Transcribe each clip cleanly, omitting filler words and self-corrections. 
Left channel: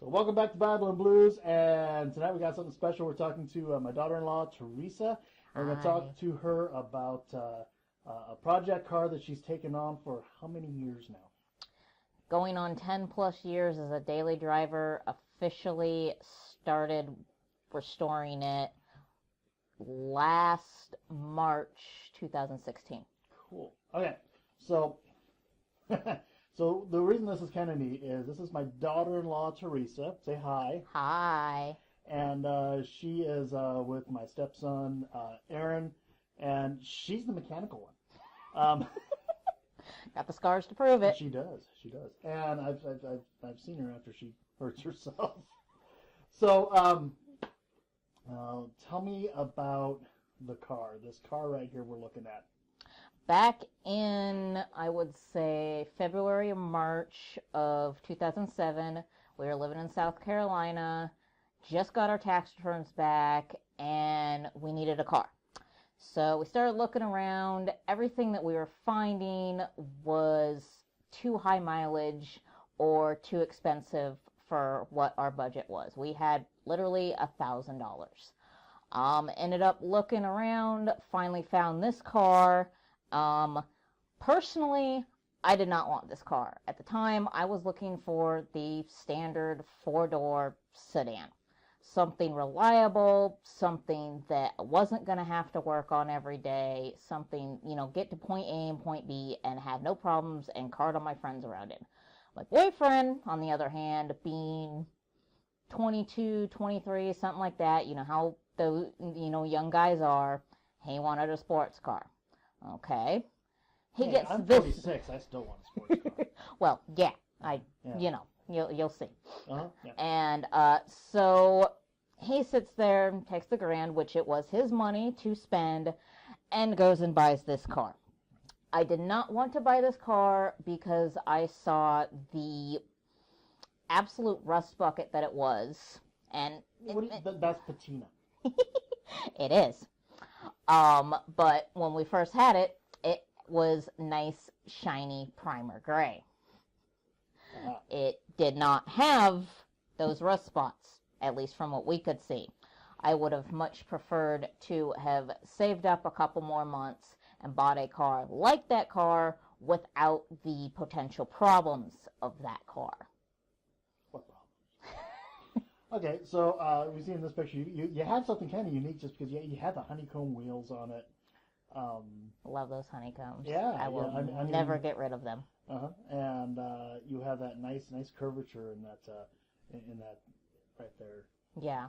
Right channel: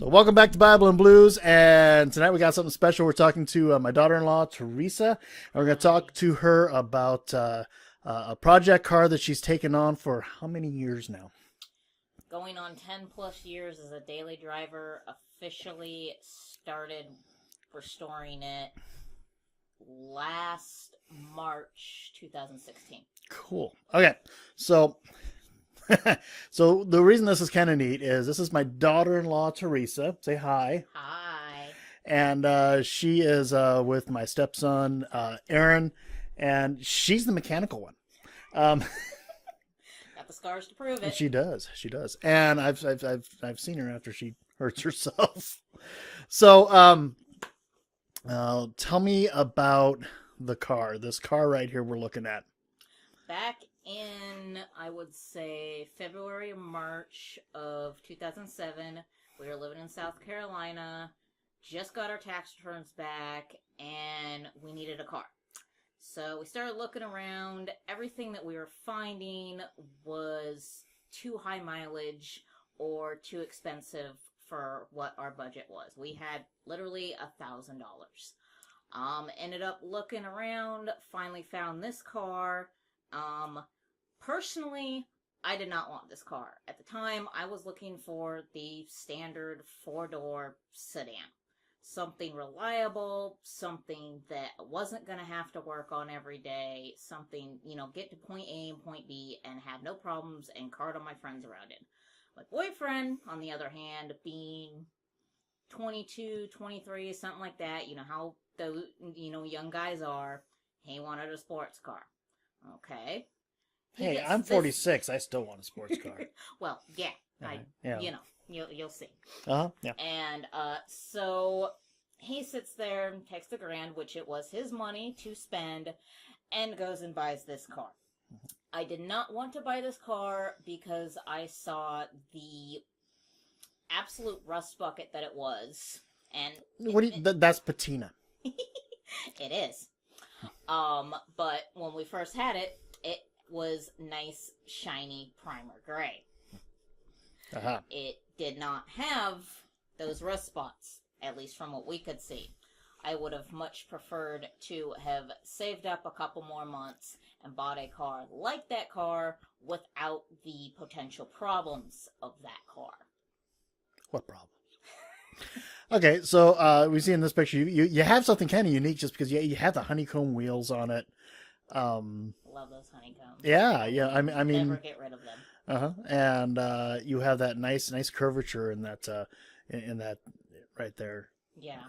So welcome back to Bible and Blues, and tonight we got something special. We're talking to my daughter-in-law, Teresa, and we're going to talk to her about a project car that she's taken on for how many years now? Going on 10 plus years as a daily driver. Officially started restoring it last March 2016. Cool. Okay, so so the reason this is kind of neat is this is my daughter-in-law, Teresa. Say hi. Hi. And she is with my stepson, Aaron, and she's the mechanical one. Got the scars to prove it. She does. And I've seen her after she hurts herself. So tell me about the car. This car right here we're looking at. Back in, I would say, February or March of 2007, we were living in South Carolina, just got our tax returns back, and we needed a car. So we started looking around. Everything that we were finding was too high mileage or too expensive for what our budget was. We had literally $1,000. Ended up looking around, finally found this car. Personally, I did not want this car. At the time, I was looking for the standard 4-door sedan. Something reliable, something that I wasn't going to have to work on every day, something, get to point A and point B and have no problems and cart all my friends around in. My boyfriend, on the other hand, being 22, 23, something like that, you know how those, young guys are, he wanted a sports car. Okay. Hey, I'm 46. I still want a sports car. Well, yeah. You'll see. Yeah. And so he sits there and takes the grand, which it was his money to spend, and goes and buys this car. I did not want to buy this car because I saw the absolute rust bucket that it was. And that's Patina. It is. But when we first had it, it was nice, shiny primer gray. Uh-huh. It did not have those rust spots, at least from what we could see. I would have much preferred to have saved up a couple more months and bought a car like that car without the potential problems of that car. What problems? Okay, so we see in this picture you have something kind of unique just because you have the honeycomb wheels on it. Love those honeycombs. Yeah. I mean, never get rid of them. And you have that nice curvature in that right there. Yeah,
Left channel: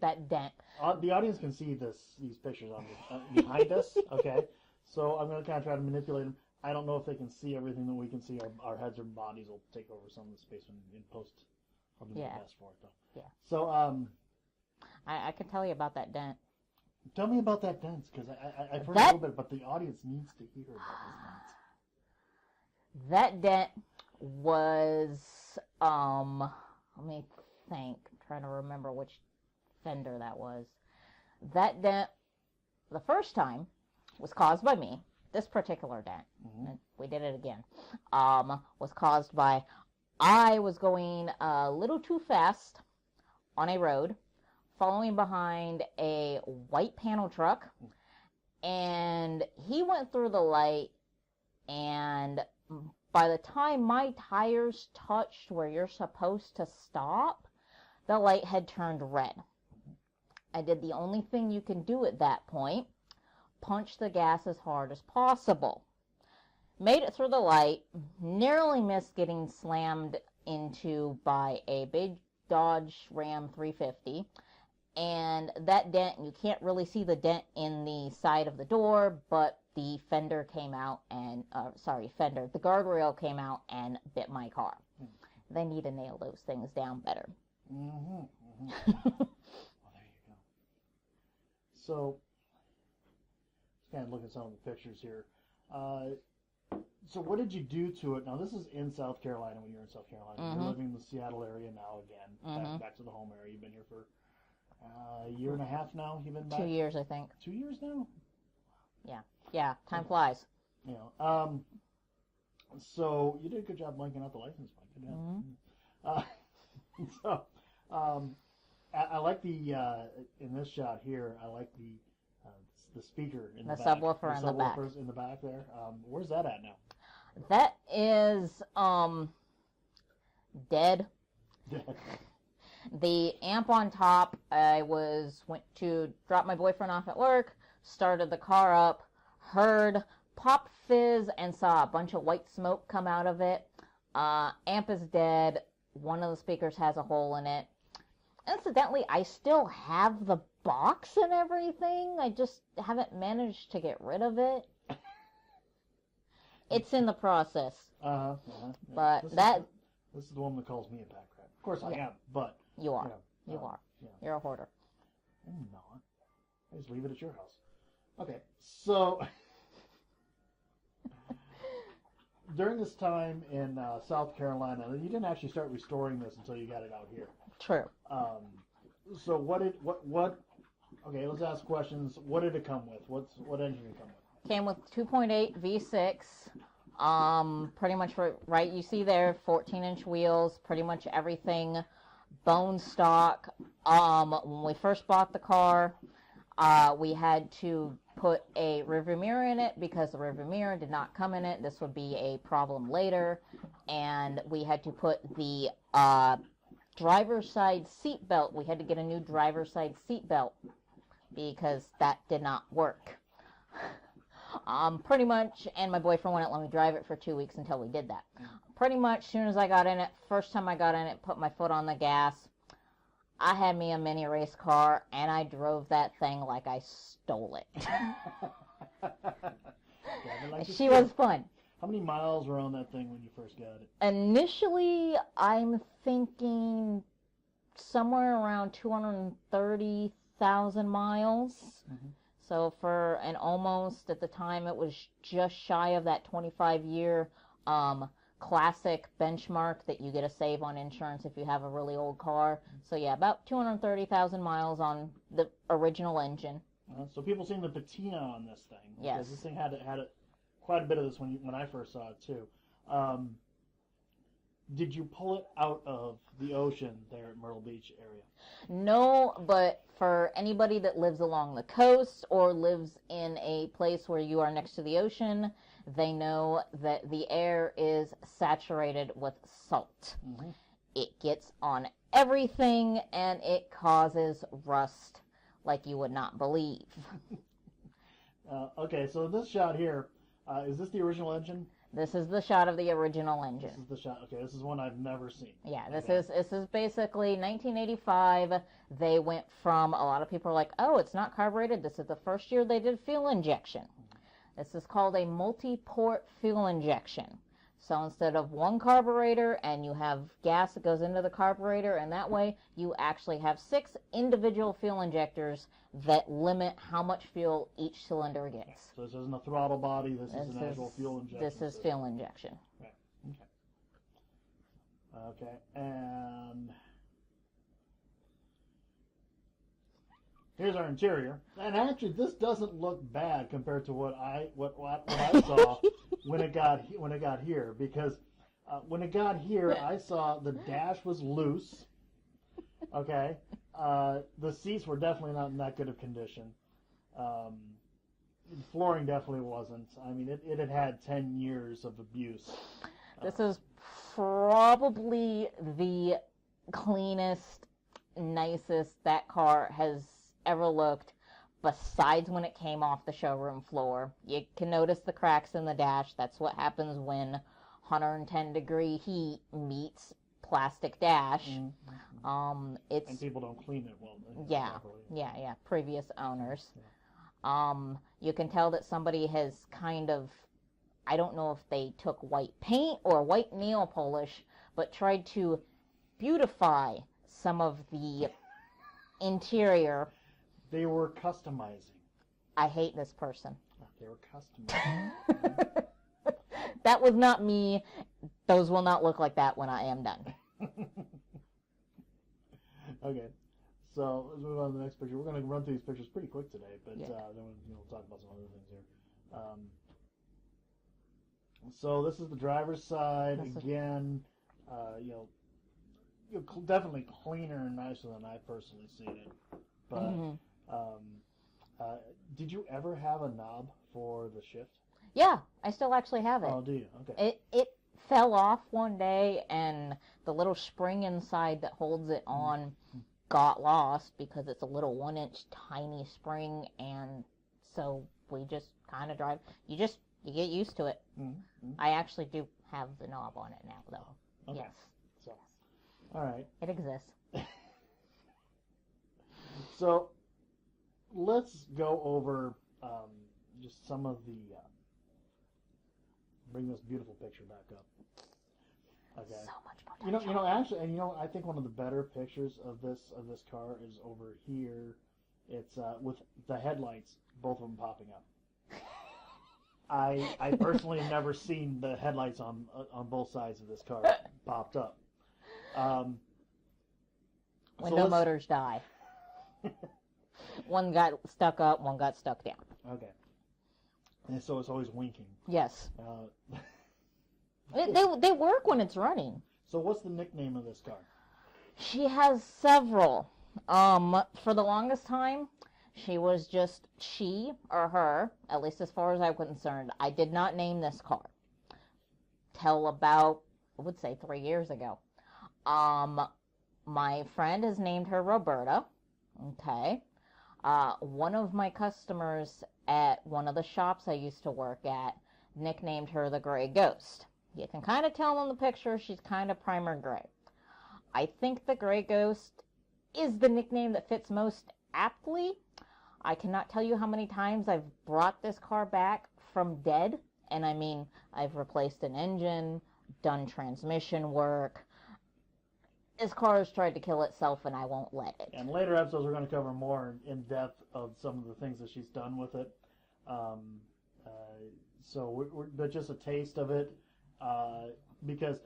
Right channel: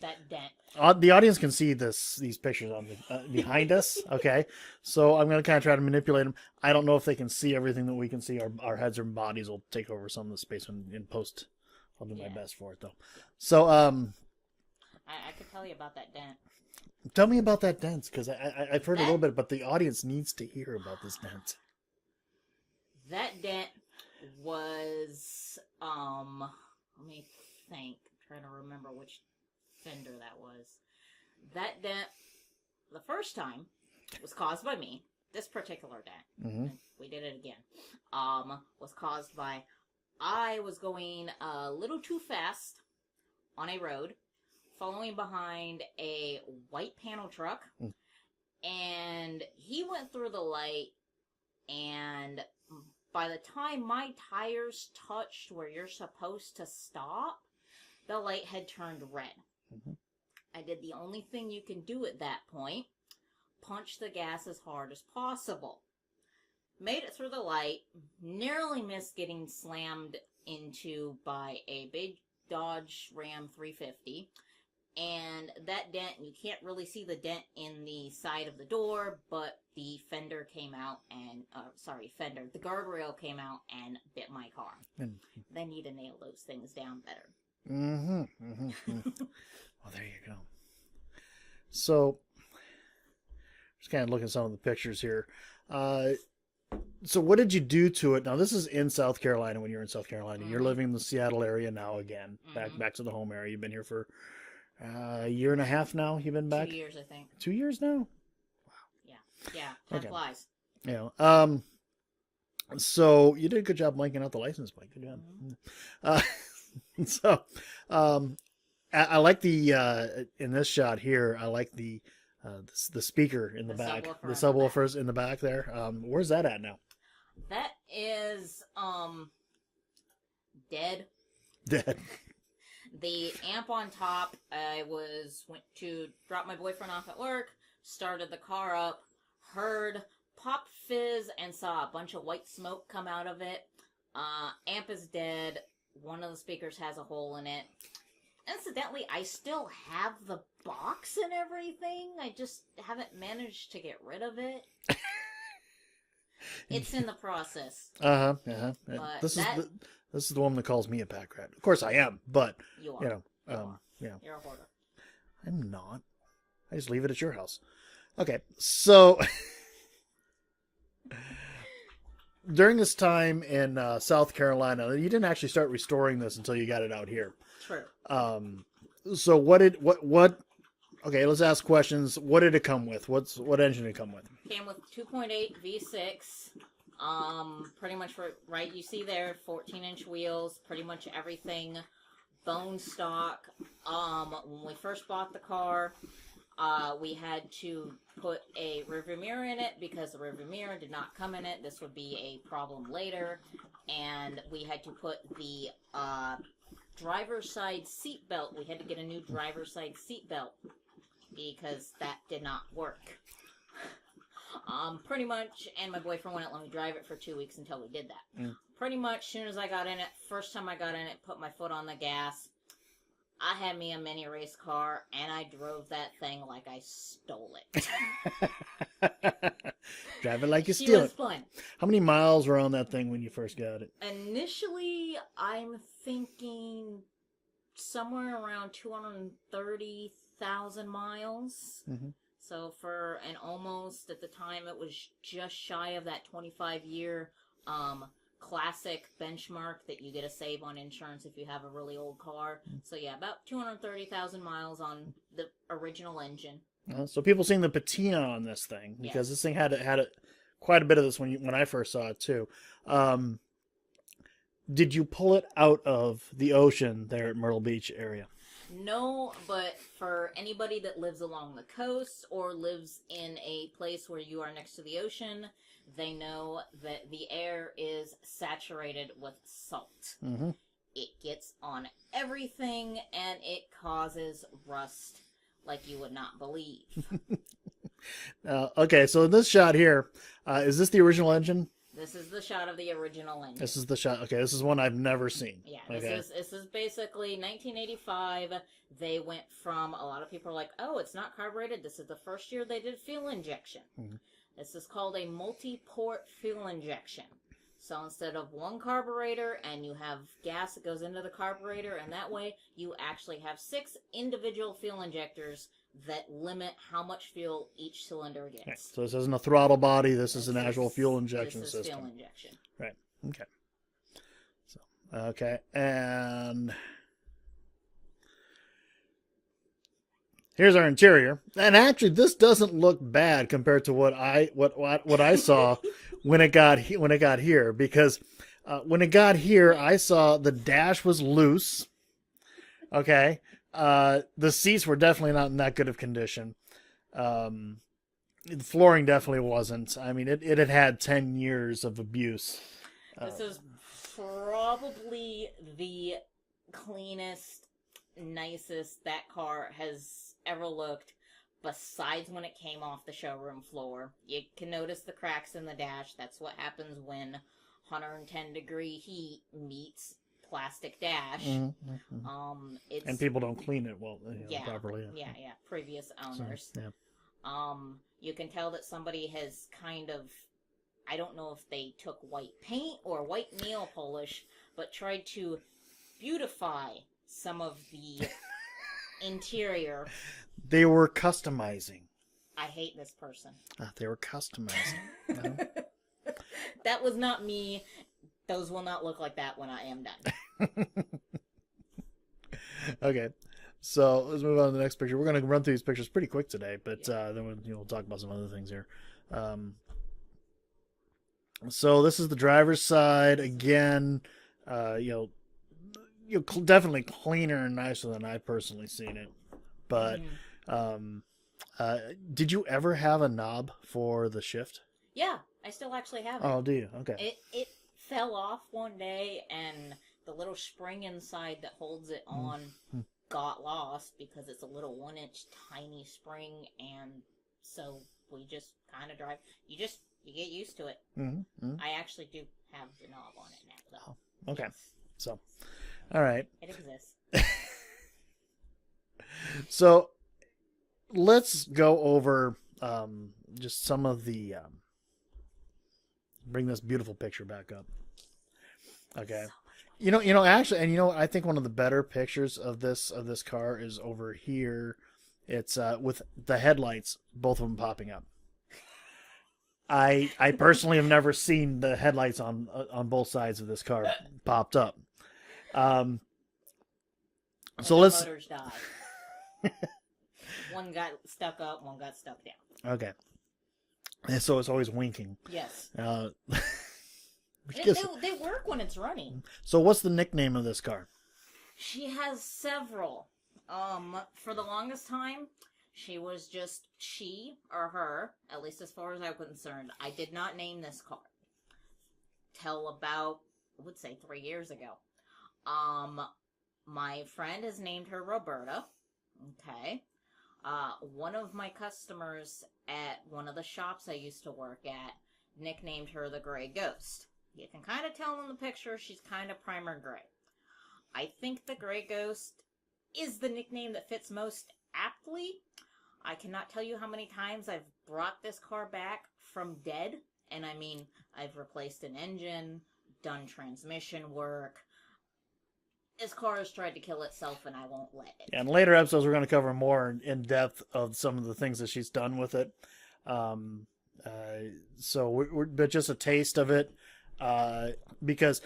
that dent. The audience can see these pictures on behind us. Okay, so I'm gonna kind of try to manipulate them. I don't know if they can see everything that we can see. Our heads or bodies will take over some of the space in post. I'll do my best for it though. Yeah. So I could tell you about that dent. Tell me about that dent, because I've heard a little bit, but the audience needs to hear about this dent. That dent was let me think. I'm trying to remember which fender that was. That dent, the first time, was caused by me. This particular dent, we did it again, was caused by I was going a little too fast on a road, following behind a white panel truck, and he went through the light, and by the time my tires touched where you're supposed to stop, the light had turned red. I did the only thing you can do at that point, punch the gas as hard as possible. Made it through the light, narrowly missed getting slammed into by a big Dodge Ram 350. And that dent, you can't really see the dent in the side of the door, but the fender came out and, the guardrail came out and bit my car. They need to nail those things down better. Well, there you go. So, just kind of looking at some of the pictures here. So what did you do to it? Now, this is in South Carolina when you're in South Carolina. You're living in the Seattle area now again, back to the home area. You've been here for a year and a half now. You've been back? 2 years, I think. 2 years now? Wow. Yeah. Time flies. Yeah. So you did a good job blanking out the license plate. Good job. So, I like the in this shot here. I like the speaker in the back, the subwoofers in the back there. Where's that at now? That is dead. Dead. The amp on top, I went to drop my boyfriend off at work, started the car up, heard pop fizz, and saw a bunch of white smoke come out of it. Amp is dead. One of the speakers has a hole in it. Incidentally, I still have the box and everything. I just haven't managed to get rid of it. It's in the process. But this is the one that calls me a pack rat. Of course I am, but you are. You know, you are. Yeah. You're a hoarder. I'm not. I just leave it at your house. Okay, so during this time in South Carolina, you didn't actually start restoring this until you got it out here. True. So what? Okay, let's ask questions. What did it come with? What engine did it come with? Came with 2.8 V6. Pretty much right. You see there, 14-inch wheels. Pretty much everything bone stock. When we first bought the car, we had to put a rearview mirror in it because the rearview mirror did not come in it. This would be a problem later, and we had to put the driver's side seat belt. We had to get a new driver's side seat belt because that did not work. Pretty much, and my boyfriend wouldn't let me drive it for 2 weeks until we did that. Pretty much, as soon as I got in it, first time I got in it, put my foot on the gas, I had me a mini race car, and I drove that thing like I stole it. Drive it like you stole it. It was fun. How many miles were on that thing when you first got it? Initially, I'm thinking somewhere around 230,000 miles. Mm-hmm. So for an almost, at the time, it was just shy of that 25-year classic benchmark that you get to save on insurance if you have a really old car. So yeah, about 230,000 miles on the original engine. So people seeing the patina on this thing, because this thing had quite a bit of this when I first saw it too. Did you pull it out of the ocean there at Myrtle Beach area? No, but for anybody that lives along the coast or lives in a place where you are next to the ocean, they know that the air is saturated with salt. Mm-hmm. It gets on everything and it causes rust like you would not believe. Okay, so in this shot here, is this the original engine? This is the shot of the original engine. This is the shot. Okay, this is one I've never seen. Yeah, this is basically 1985. They went from, a lot of people are like, oh, it's not carbureted. This is the first year they did fuel injection. Mm-hmm. This is called a multi-port fuel injection. So instead of one carburetor and you have gas that goes into the carburetor, and that way you actually have 6 individual fuel injectors that limit how much fuel each cylinder gets. Okay. So this isn't a throttle body. This is an actual fuel injection system. This is fuel injection. Right. Okay. So, okay. And here's our interior. And actually, this doesn't look bad compared to what I saw when it got here. Because when it got here, I saw the dash was loose. Okay. The seats were definitely not in that good of condition. The flooring definitely wasn't. I mean, it had 10 years of abuse. This is probably the cleanest, nicest that car has ever looked, besides when it came off the showroom floor. You can notice the cracks in the dash. That's what happens when 110-degree heat meets plastic dash. Mm-hmm. And people don't clean it well properly. Yeah, previous owners. So, yeah. You can tell that somebody has kind of, I don't know if they took white paint or white nail polish, but tried to beautify some of the interior. They were customizing. I hate this person. They were customizing. That was not me. Those will not look like that when I am done. Okay, so let's move on to the next picture. We're going to run through these pictures pretty quick today, but then we'll talk about some other things here. So this is the driver's side again. definitely cleaner and nicer than I personally seen it. But um, did you ever have a knob for the shift? Yeah, I still actually have it. Oh, do you? Okay. It fell off one day, and the little spring inside that holds it on got lost because it's a little 1-inch tiny spring, and so we just kind of drive. You get used to it. I actually do have the knob on it now, though. Okay. Yes. So, all right. It exists. So, let's go over just some of the. Bring this beautiful picture back up. Okay. So much more Actually, and I think one of the better pictures of this car is over here. It's with the headlights, both of them popping up. I personally have never seen the headlights on both sides of this car popped up. When So the let's. motors die. One got stuck up, one got stuck down. Okay. And so it's always winking. Yes. Guess- They work when it's running. So what's the nickname of this car? She has several. For the longest time, she was just she or her, at least as far as I'm concerned. I did not name this car till about, I would say, 3 years ago. My friend has named her Roberta. Okay. One of my customers at one of the shops I used to work at nicknamed her the Gray Ghost. You can kind of tell in the picture she's kind of primer gray. I think the Gray Ghost is the nickname that fits most aptly. I cannot tell you how many times I've brought this car back from dead. And I mean, I've replaced an engine, done transmission work. This car has tried to kill itself, and I won't let it. And later episodes, we're going to cover more in depth of some of the things that she's done with it. But just a taste of it, because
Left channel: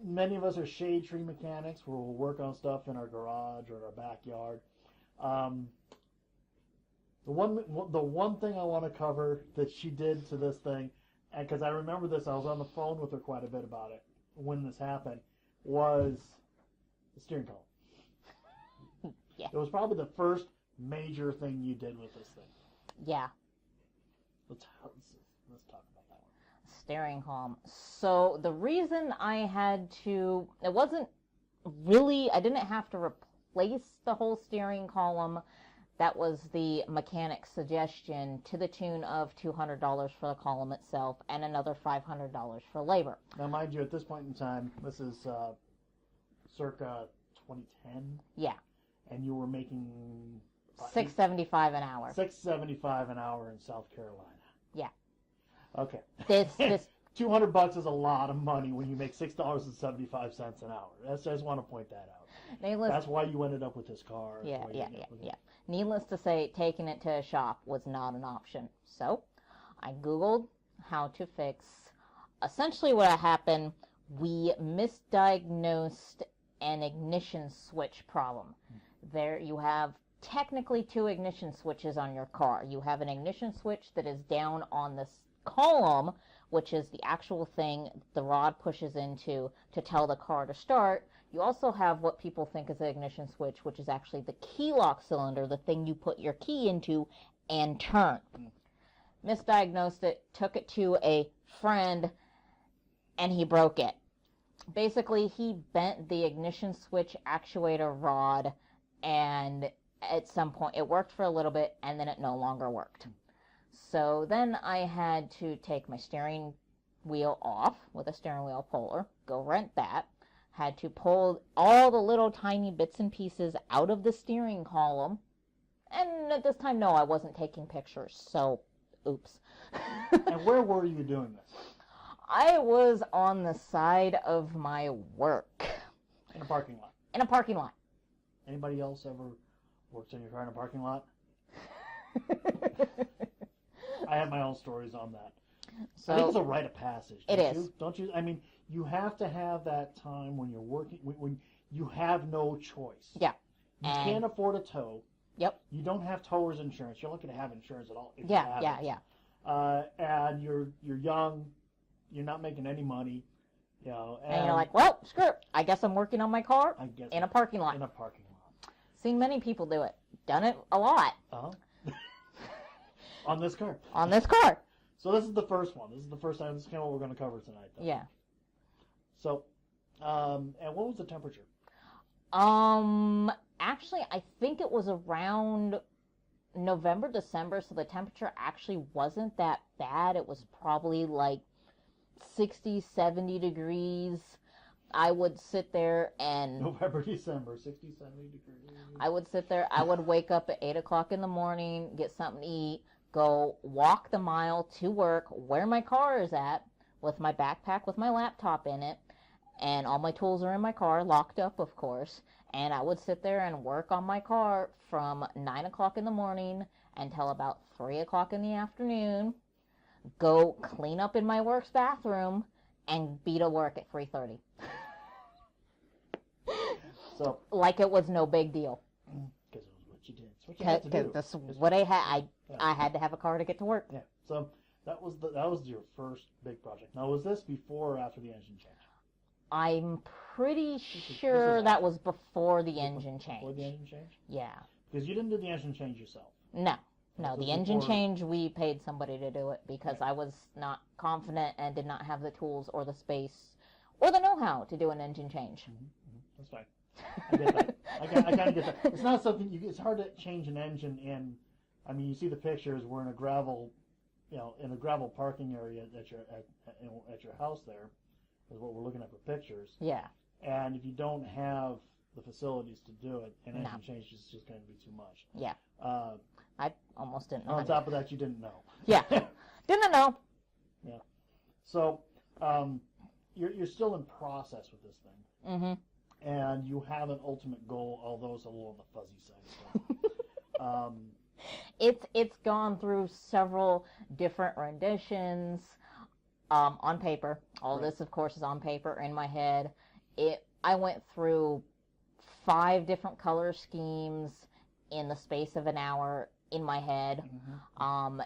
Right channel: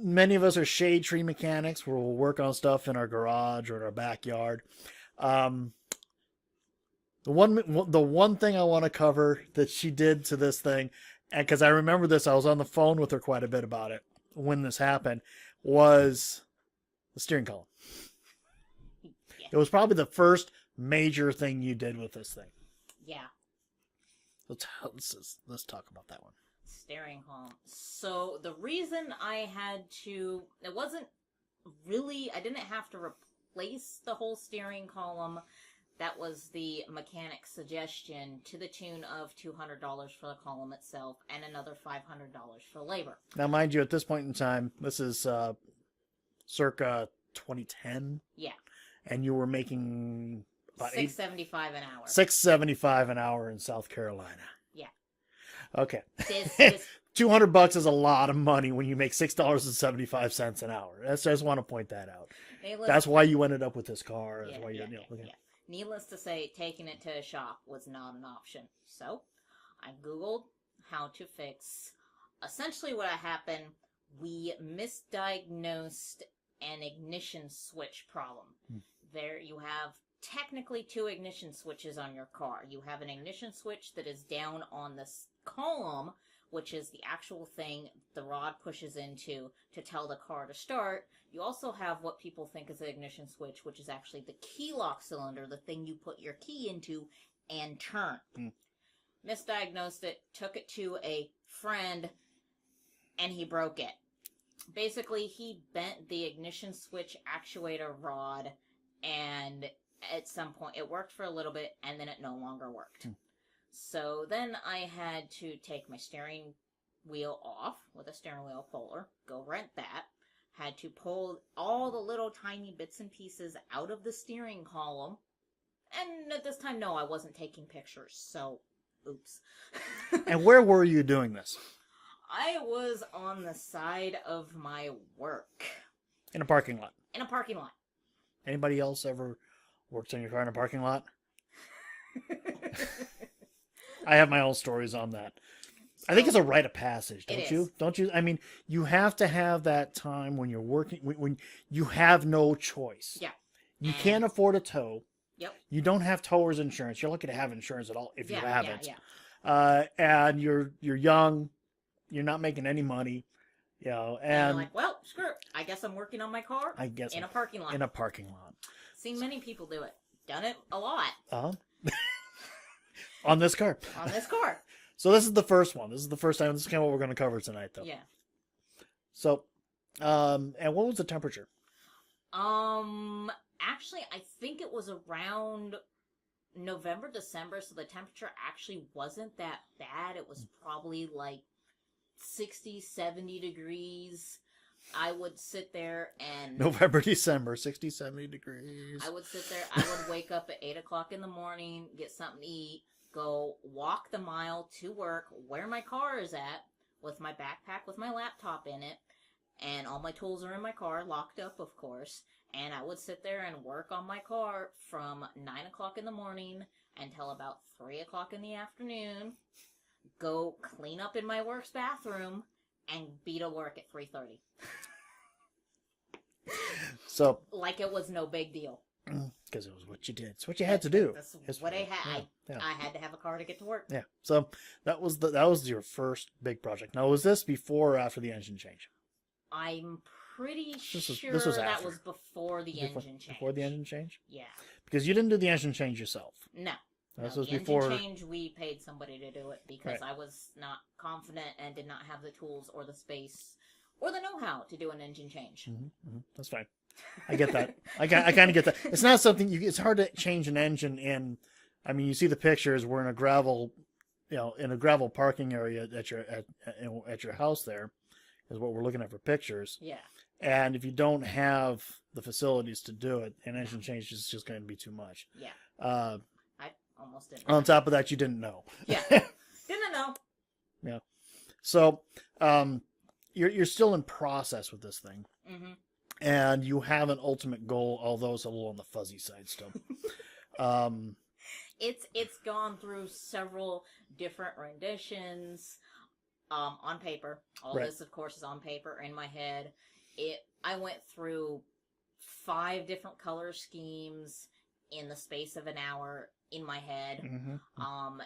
many of us are shade tree mechanics where we'll work on stuff in our garage or in our backyard. The one thing I want to cover that she did to this thing, and because I remember this, I was on the phone with her quite a bit about it when this happened, was the steering column. Yeah. It was probably the first major thing you did with this thing. Yeah. Let's talk about that one. Steering column. So the reason I had to, it wasn't really, I didn't have to replace the whole steering column. That was the mechanic's suggestion, to the tune of $200 for the column itself and another $500 for labor. Now, mind you, at this point in time, this is circa 2010. Yeah. And you were making about $6.75 an hour. $6.75 an hour in South Carolina. Yeah. Okay. This $200 is a lot of money when you make $6.75 an hour. I just want to point that out. That's why you ended up with this car. Yeah. Needless to say, taking it to a shop was not an option. So I Googled how to fix. Essentially what happened, we misdiagnosed an ignition switch problem. There you have technically 2 ignition switches on your car. You have an ignition switch that is down on this column, which is the actual thing the rod pushes into to tell the car to start. You also have what people think is an ignition switch, which is actually the key lock cylinder, the thing you put your key into and turn. Misdiagnosed it, took it to a friend, and he broke it. Basically, he bent the ignition switch actuator rod, and at some point, it worked for a little bit, and then it no longer worked. So then I had to take my steering wheel off with a steering wheel puller, go rent that, had to pull all the little tiny bits and pieces out of the steering column, and at this time, no, I wasn't taking pictures, so oops. And where were you doing this? I was on the side of my work. In a parking lot. In a parking lot. Anybody else ever worked on your car in a parking lot? I have my own stories on that. So, I think it's a rite of passage, don't you? Don't you? I mean, you have to have that time when you're working, when you have no choice. Yeah. You can't afford a tow. Yep. You don't have towers insurance. You're lucky to have insurance at all if you have it. Yeah. And you're young. You're not making any money. You know, And you're like, well, screw it. I guess I'm working on my car I guess in a parking lot. In a parking lot. Seen many people do it. Done it a lot. On this car. On this car. So this is the first one. This is the first time. This is kind of what we're going to cover tonight, though. Yeah. So, and what was the temperature? Actually, I think it was around November, December, so the temperature actually wasn't that bad. It was probably like 60, 70 degrees. I would sit there and... November, December, 60, 70 degrees. I would sit there. I would wake up at 8 o'clock in the morning, get something to eat, go walk the mile to work, where my car is at, with my backpack with my laptop in it, and all my tools are in my car, locked up, of course. And I would sit there and work on my car from 9 o'clock in the morning until about 3 o'clock in the afternoon, go clean up in my work's bathroom, and be to work at 3:30. So, like it was no big deal. Because it was what you did. It's what you had to do. That's what I had. I had to have a car to get to work. Yeah. So that was your first big project. Now, was this before or after the engine change? I'm pretty sure this was that after. was before the engine change. Before the engine change? Yeah. Because you didn't do the engine change yourself. No. This No, was the engine before- change, we paid somebody to do it because Right. I was not confident and did not have the tools or the space or the know-how to do an engine change. That's fine. I get that. I kind of get that. It's not something it's hard to change an engine in. I mean, you see the pictures. We're in a gravel, in a gravel parking area at your house. There is what we're looking at for pictures. Yeah. And if you don't have the facilities to do it, an engine change is just going to be too much. Yeah. I almost didn't. On top of that, you didn't know. Yeah. Didn't know. Yeah. So, you're still in process with this thing. Mm-hmm. And you have an ultimate goal, although it's a little on the fuzzy side still. It's gone through several different renditions on paper. All Right. this, of course, is on paper in my head. I went through 5 different color schemes in the space of an hour in my head. Mm-hmm.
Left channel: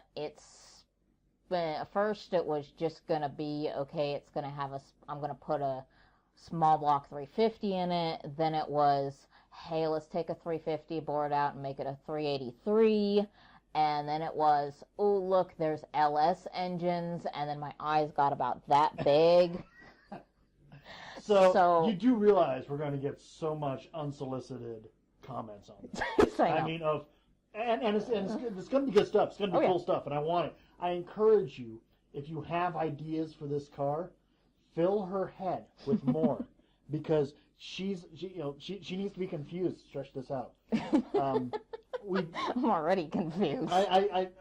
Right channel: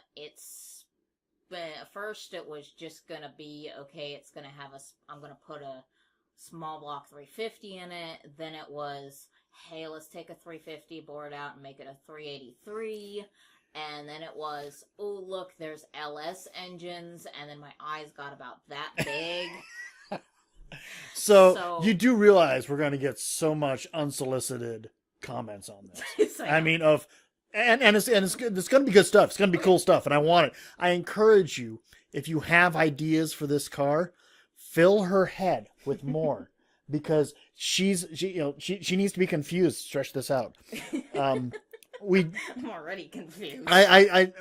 First it was just gonna be okay. It's gonna have I'm gonna put a small block 350 in it. Then it was, hey, let's take a 350, bore it out, and make it a 383. And then it was, oh, look, there's LS engines. And then my eyes got about that big. So you do realize we're going to get so much unsolicited comments on this. I mean, and it's good. It's going to be good stuff. It's going to be cool stuff, and I want it. I encourage you, if you have ideas for this car, fill her head with more, because she needs to be confused. Stretch this out. I'm already confused.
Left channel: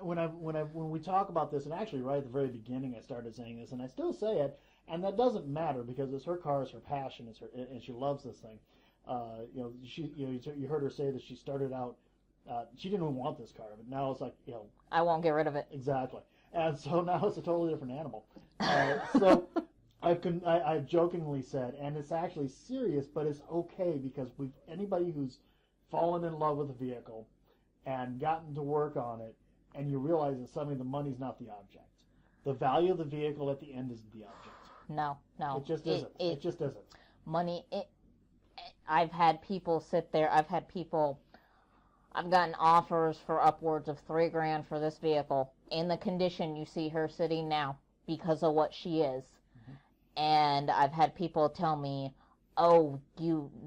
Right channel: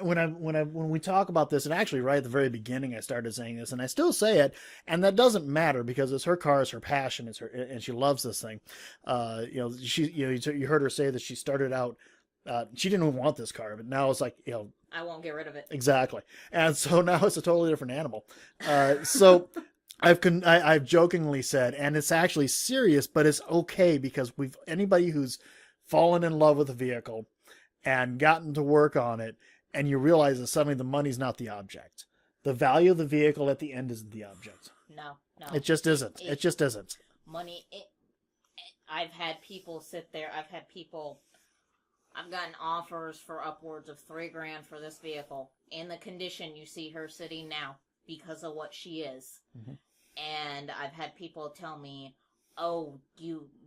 When we talk about this, and actually right at the very beginning, I started saying this, and I still say it, and that doesn't matter because it's her car, it's her passion, it's her, and she loves this thing. You heard her say that she started out. She didn't even want this car, but now it's like, I won't get rid of it. Exactly. And so now it's a totally different animal. So I've jokingly said, and it's actually serious, but it's okay, because anybody who's fallen in love with a vehicle and gotten to work on it, and you realize that suddenly the money's not the object. The value of the vehicle at the end isn't the object. No. It just isn't. It just isn't. Money. I've had people sit there. I've gotten offers for upwards of $3,000 for this vehicle in the condition you see her sitting now because of what she is. Mm-hmm. And I've had people tell me, oh,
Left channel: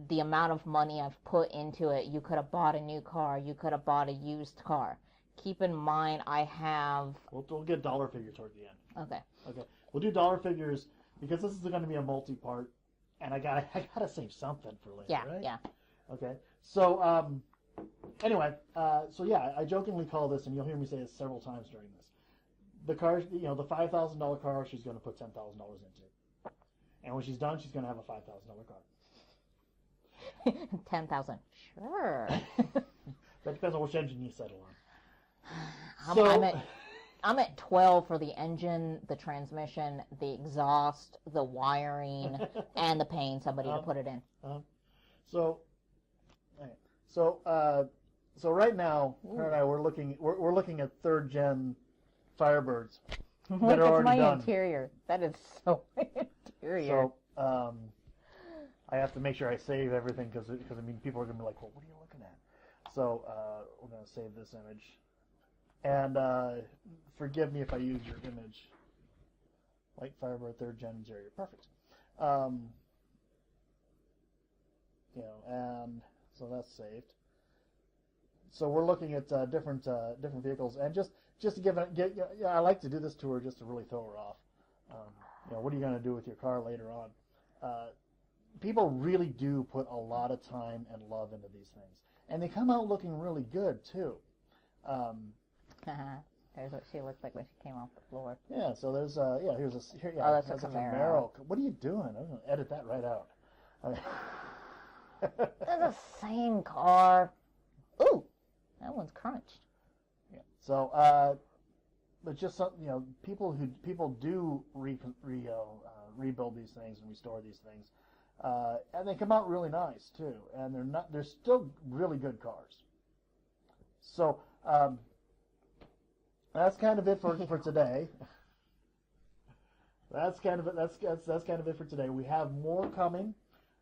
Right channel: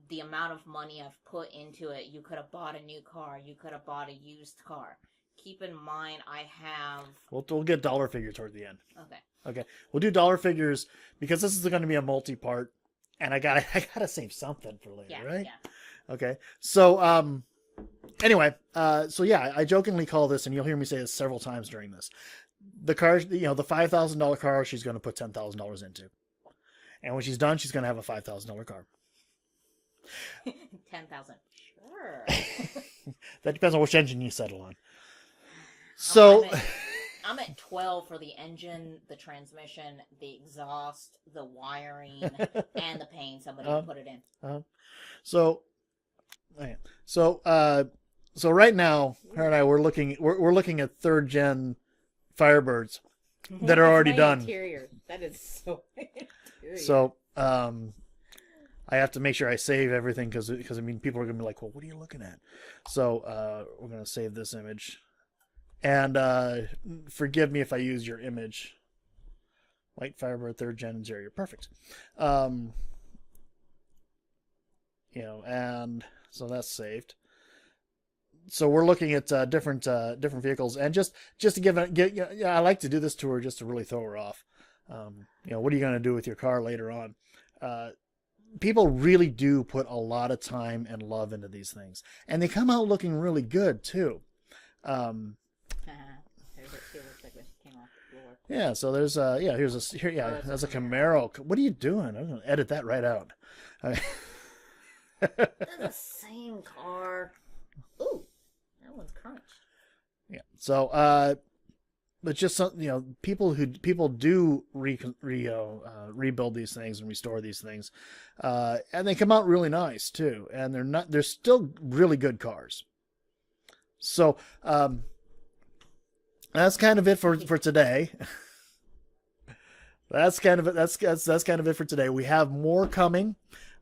the amount of money I've put into it, you could have bought a new car, you could have bought a used car. Keep in mind, I have... We'll get dollar figure toward the end. Okay. We'll do dollar figures, because this is going to be a multi-part, and I gotta save something for later, right? Yeah. Okay. So, anyway, I jokingly call this, and you'll hear me say this several times during this, the car, the $5,000 car, she's going to put $10,000 into. And when she's done, she's going to have a $5,000 car. 10,000. Sure. That depends on which engine you settle on. So I'm at 12 for the engine, the transmission, the exhaust, the wiring, and the paint. Somebody will put it in. So right now, her and I, we're looking at 3rd gen Firebirds that are already done. Interior. That is so interior. So I have to make sure I save everything because I mean people are gonna be like, well, what are you looking at? So we're gonna save this image, and forgive me if I use your image. White Firebird 3rd Gen interior, perfect. You know, and so that's saved. So we're looking at different vehicles, and just to give I like to do this tour just to really throw her off. You know, what are you going to do with your car later on? People really do put a lot of time and love into these things, and they come out looking really good too. There's what she looks like when she came off the floor. Yeah, so there's that's a Camaro. What are you doing? I'm going to edit that right out. They're the same car. Ooh, that one's crunched. Yeah. So, but just some, you know, people do rebuild these things and restore these things, and they come out really nice too. And they're still really good cars. So, that's kind of it for today. That's kind of it for today. We have more coming.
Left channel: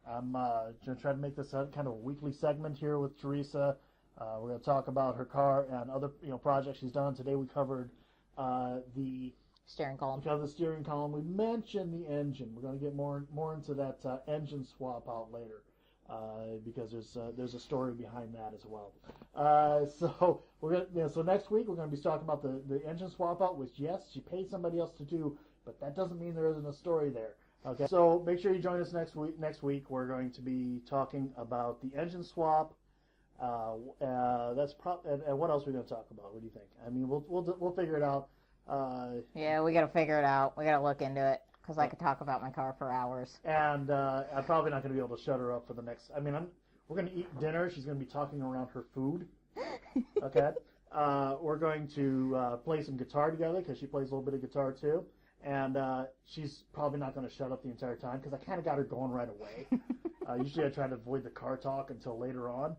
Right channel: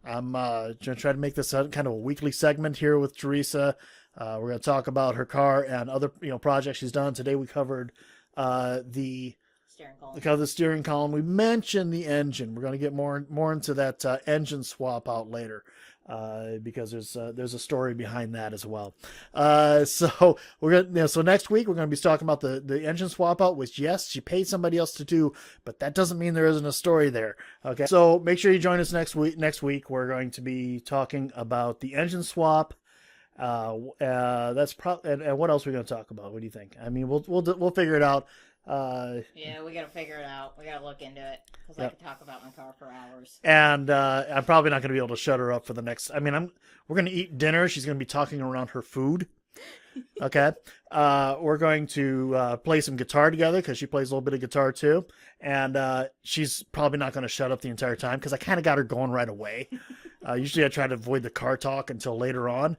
I'm going to try to make this kind of a weekly segment here with Teresa. We're going to talk about her car and other projects she's done. Today we covered the steering column. The steering column. We mentioned the engine. We're going to get more into that engine swap out later. Because there's a story behind that as well. So we're gonna so next week we're gonna be talking about the engine swap out, which yes, she paid somebody else to do, but that doesn't mean there isn't a story there. Okay, so make sure you join us next week. Next week we're going to be talking about the engine swap. That's and what else are we gonna talk about? What do you think? I mean, we'll figure it out. Yeah, we gotta figure it out. We gotta look into it because I could talk about my car for hours. And I'm probably not going to be able to shut her up for the next. I mean, we're going to eat dinner. She's going to be talking around her food. Okay. We're going to play some guitar together because she plays a little bit of guitar too, and she's probably not going to shut up the entire time because I kind of got her going right away. Usually, I try to avoid the car talk until later on,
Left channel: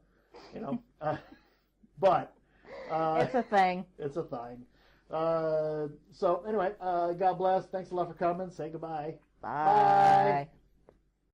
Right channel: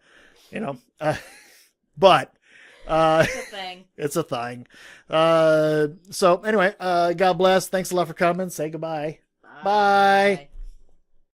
but. It's a thing. It's a thing. So anyway, God bless. Thanks a lot for coming. Say goodbye. Bye. Bye.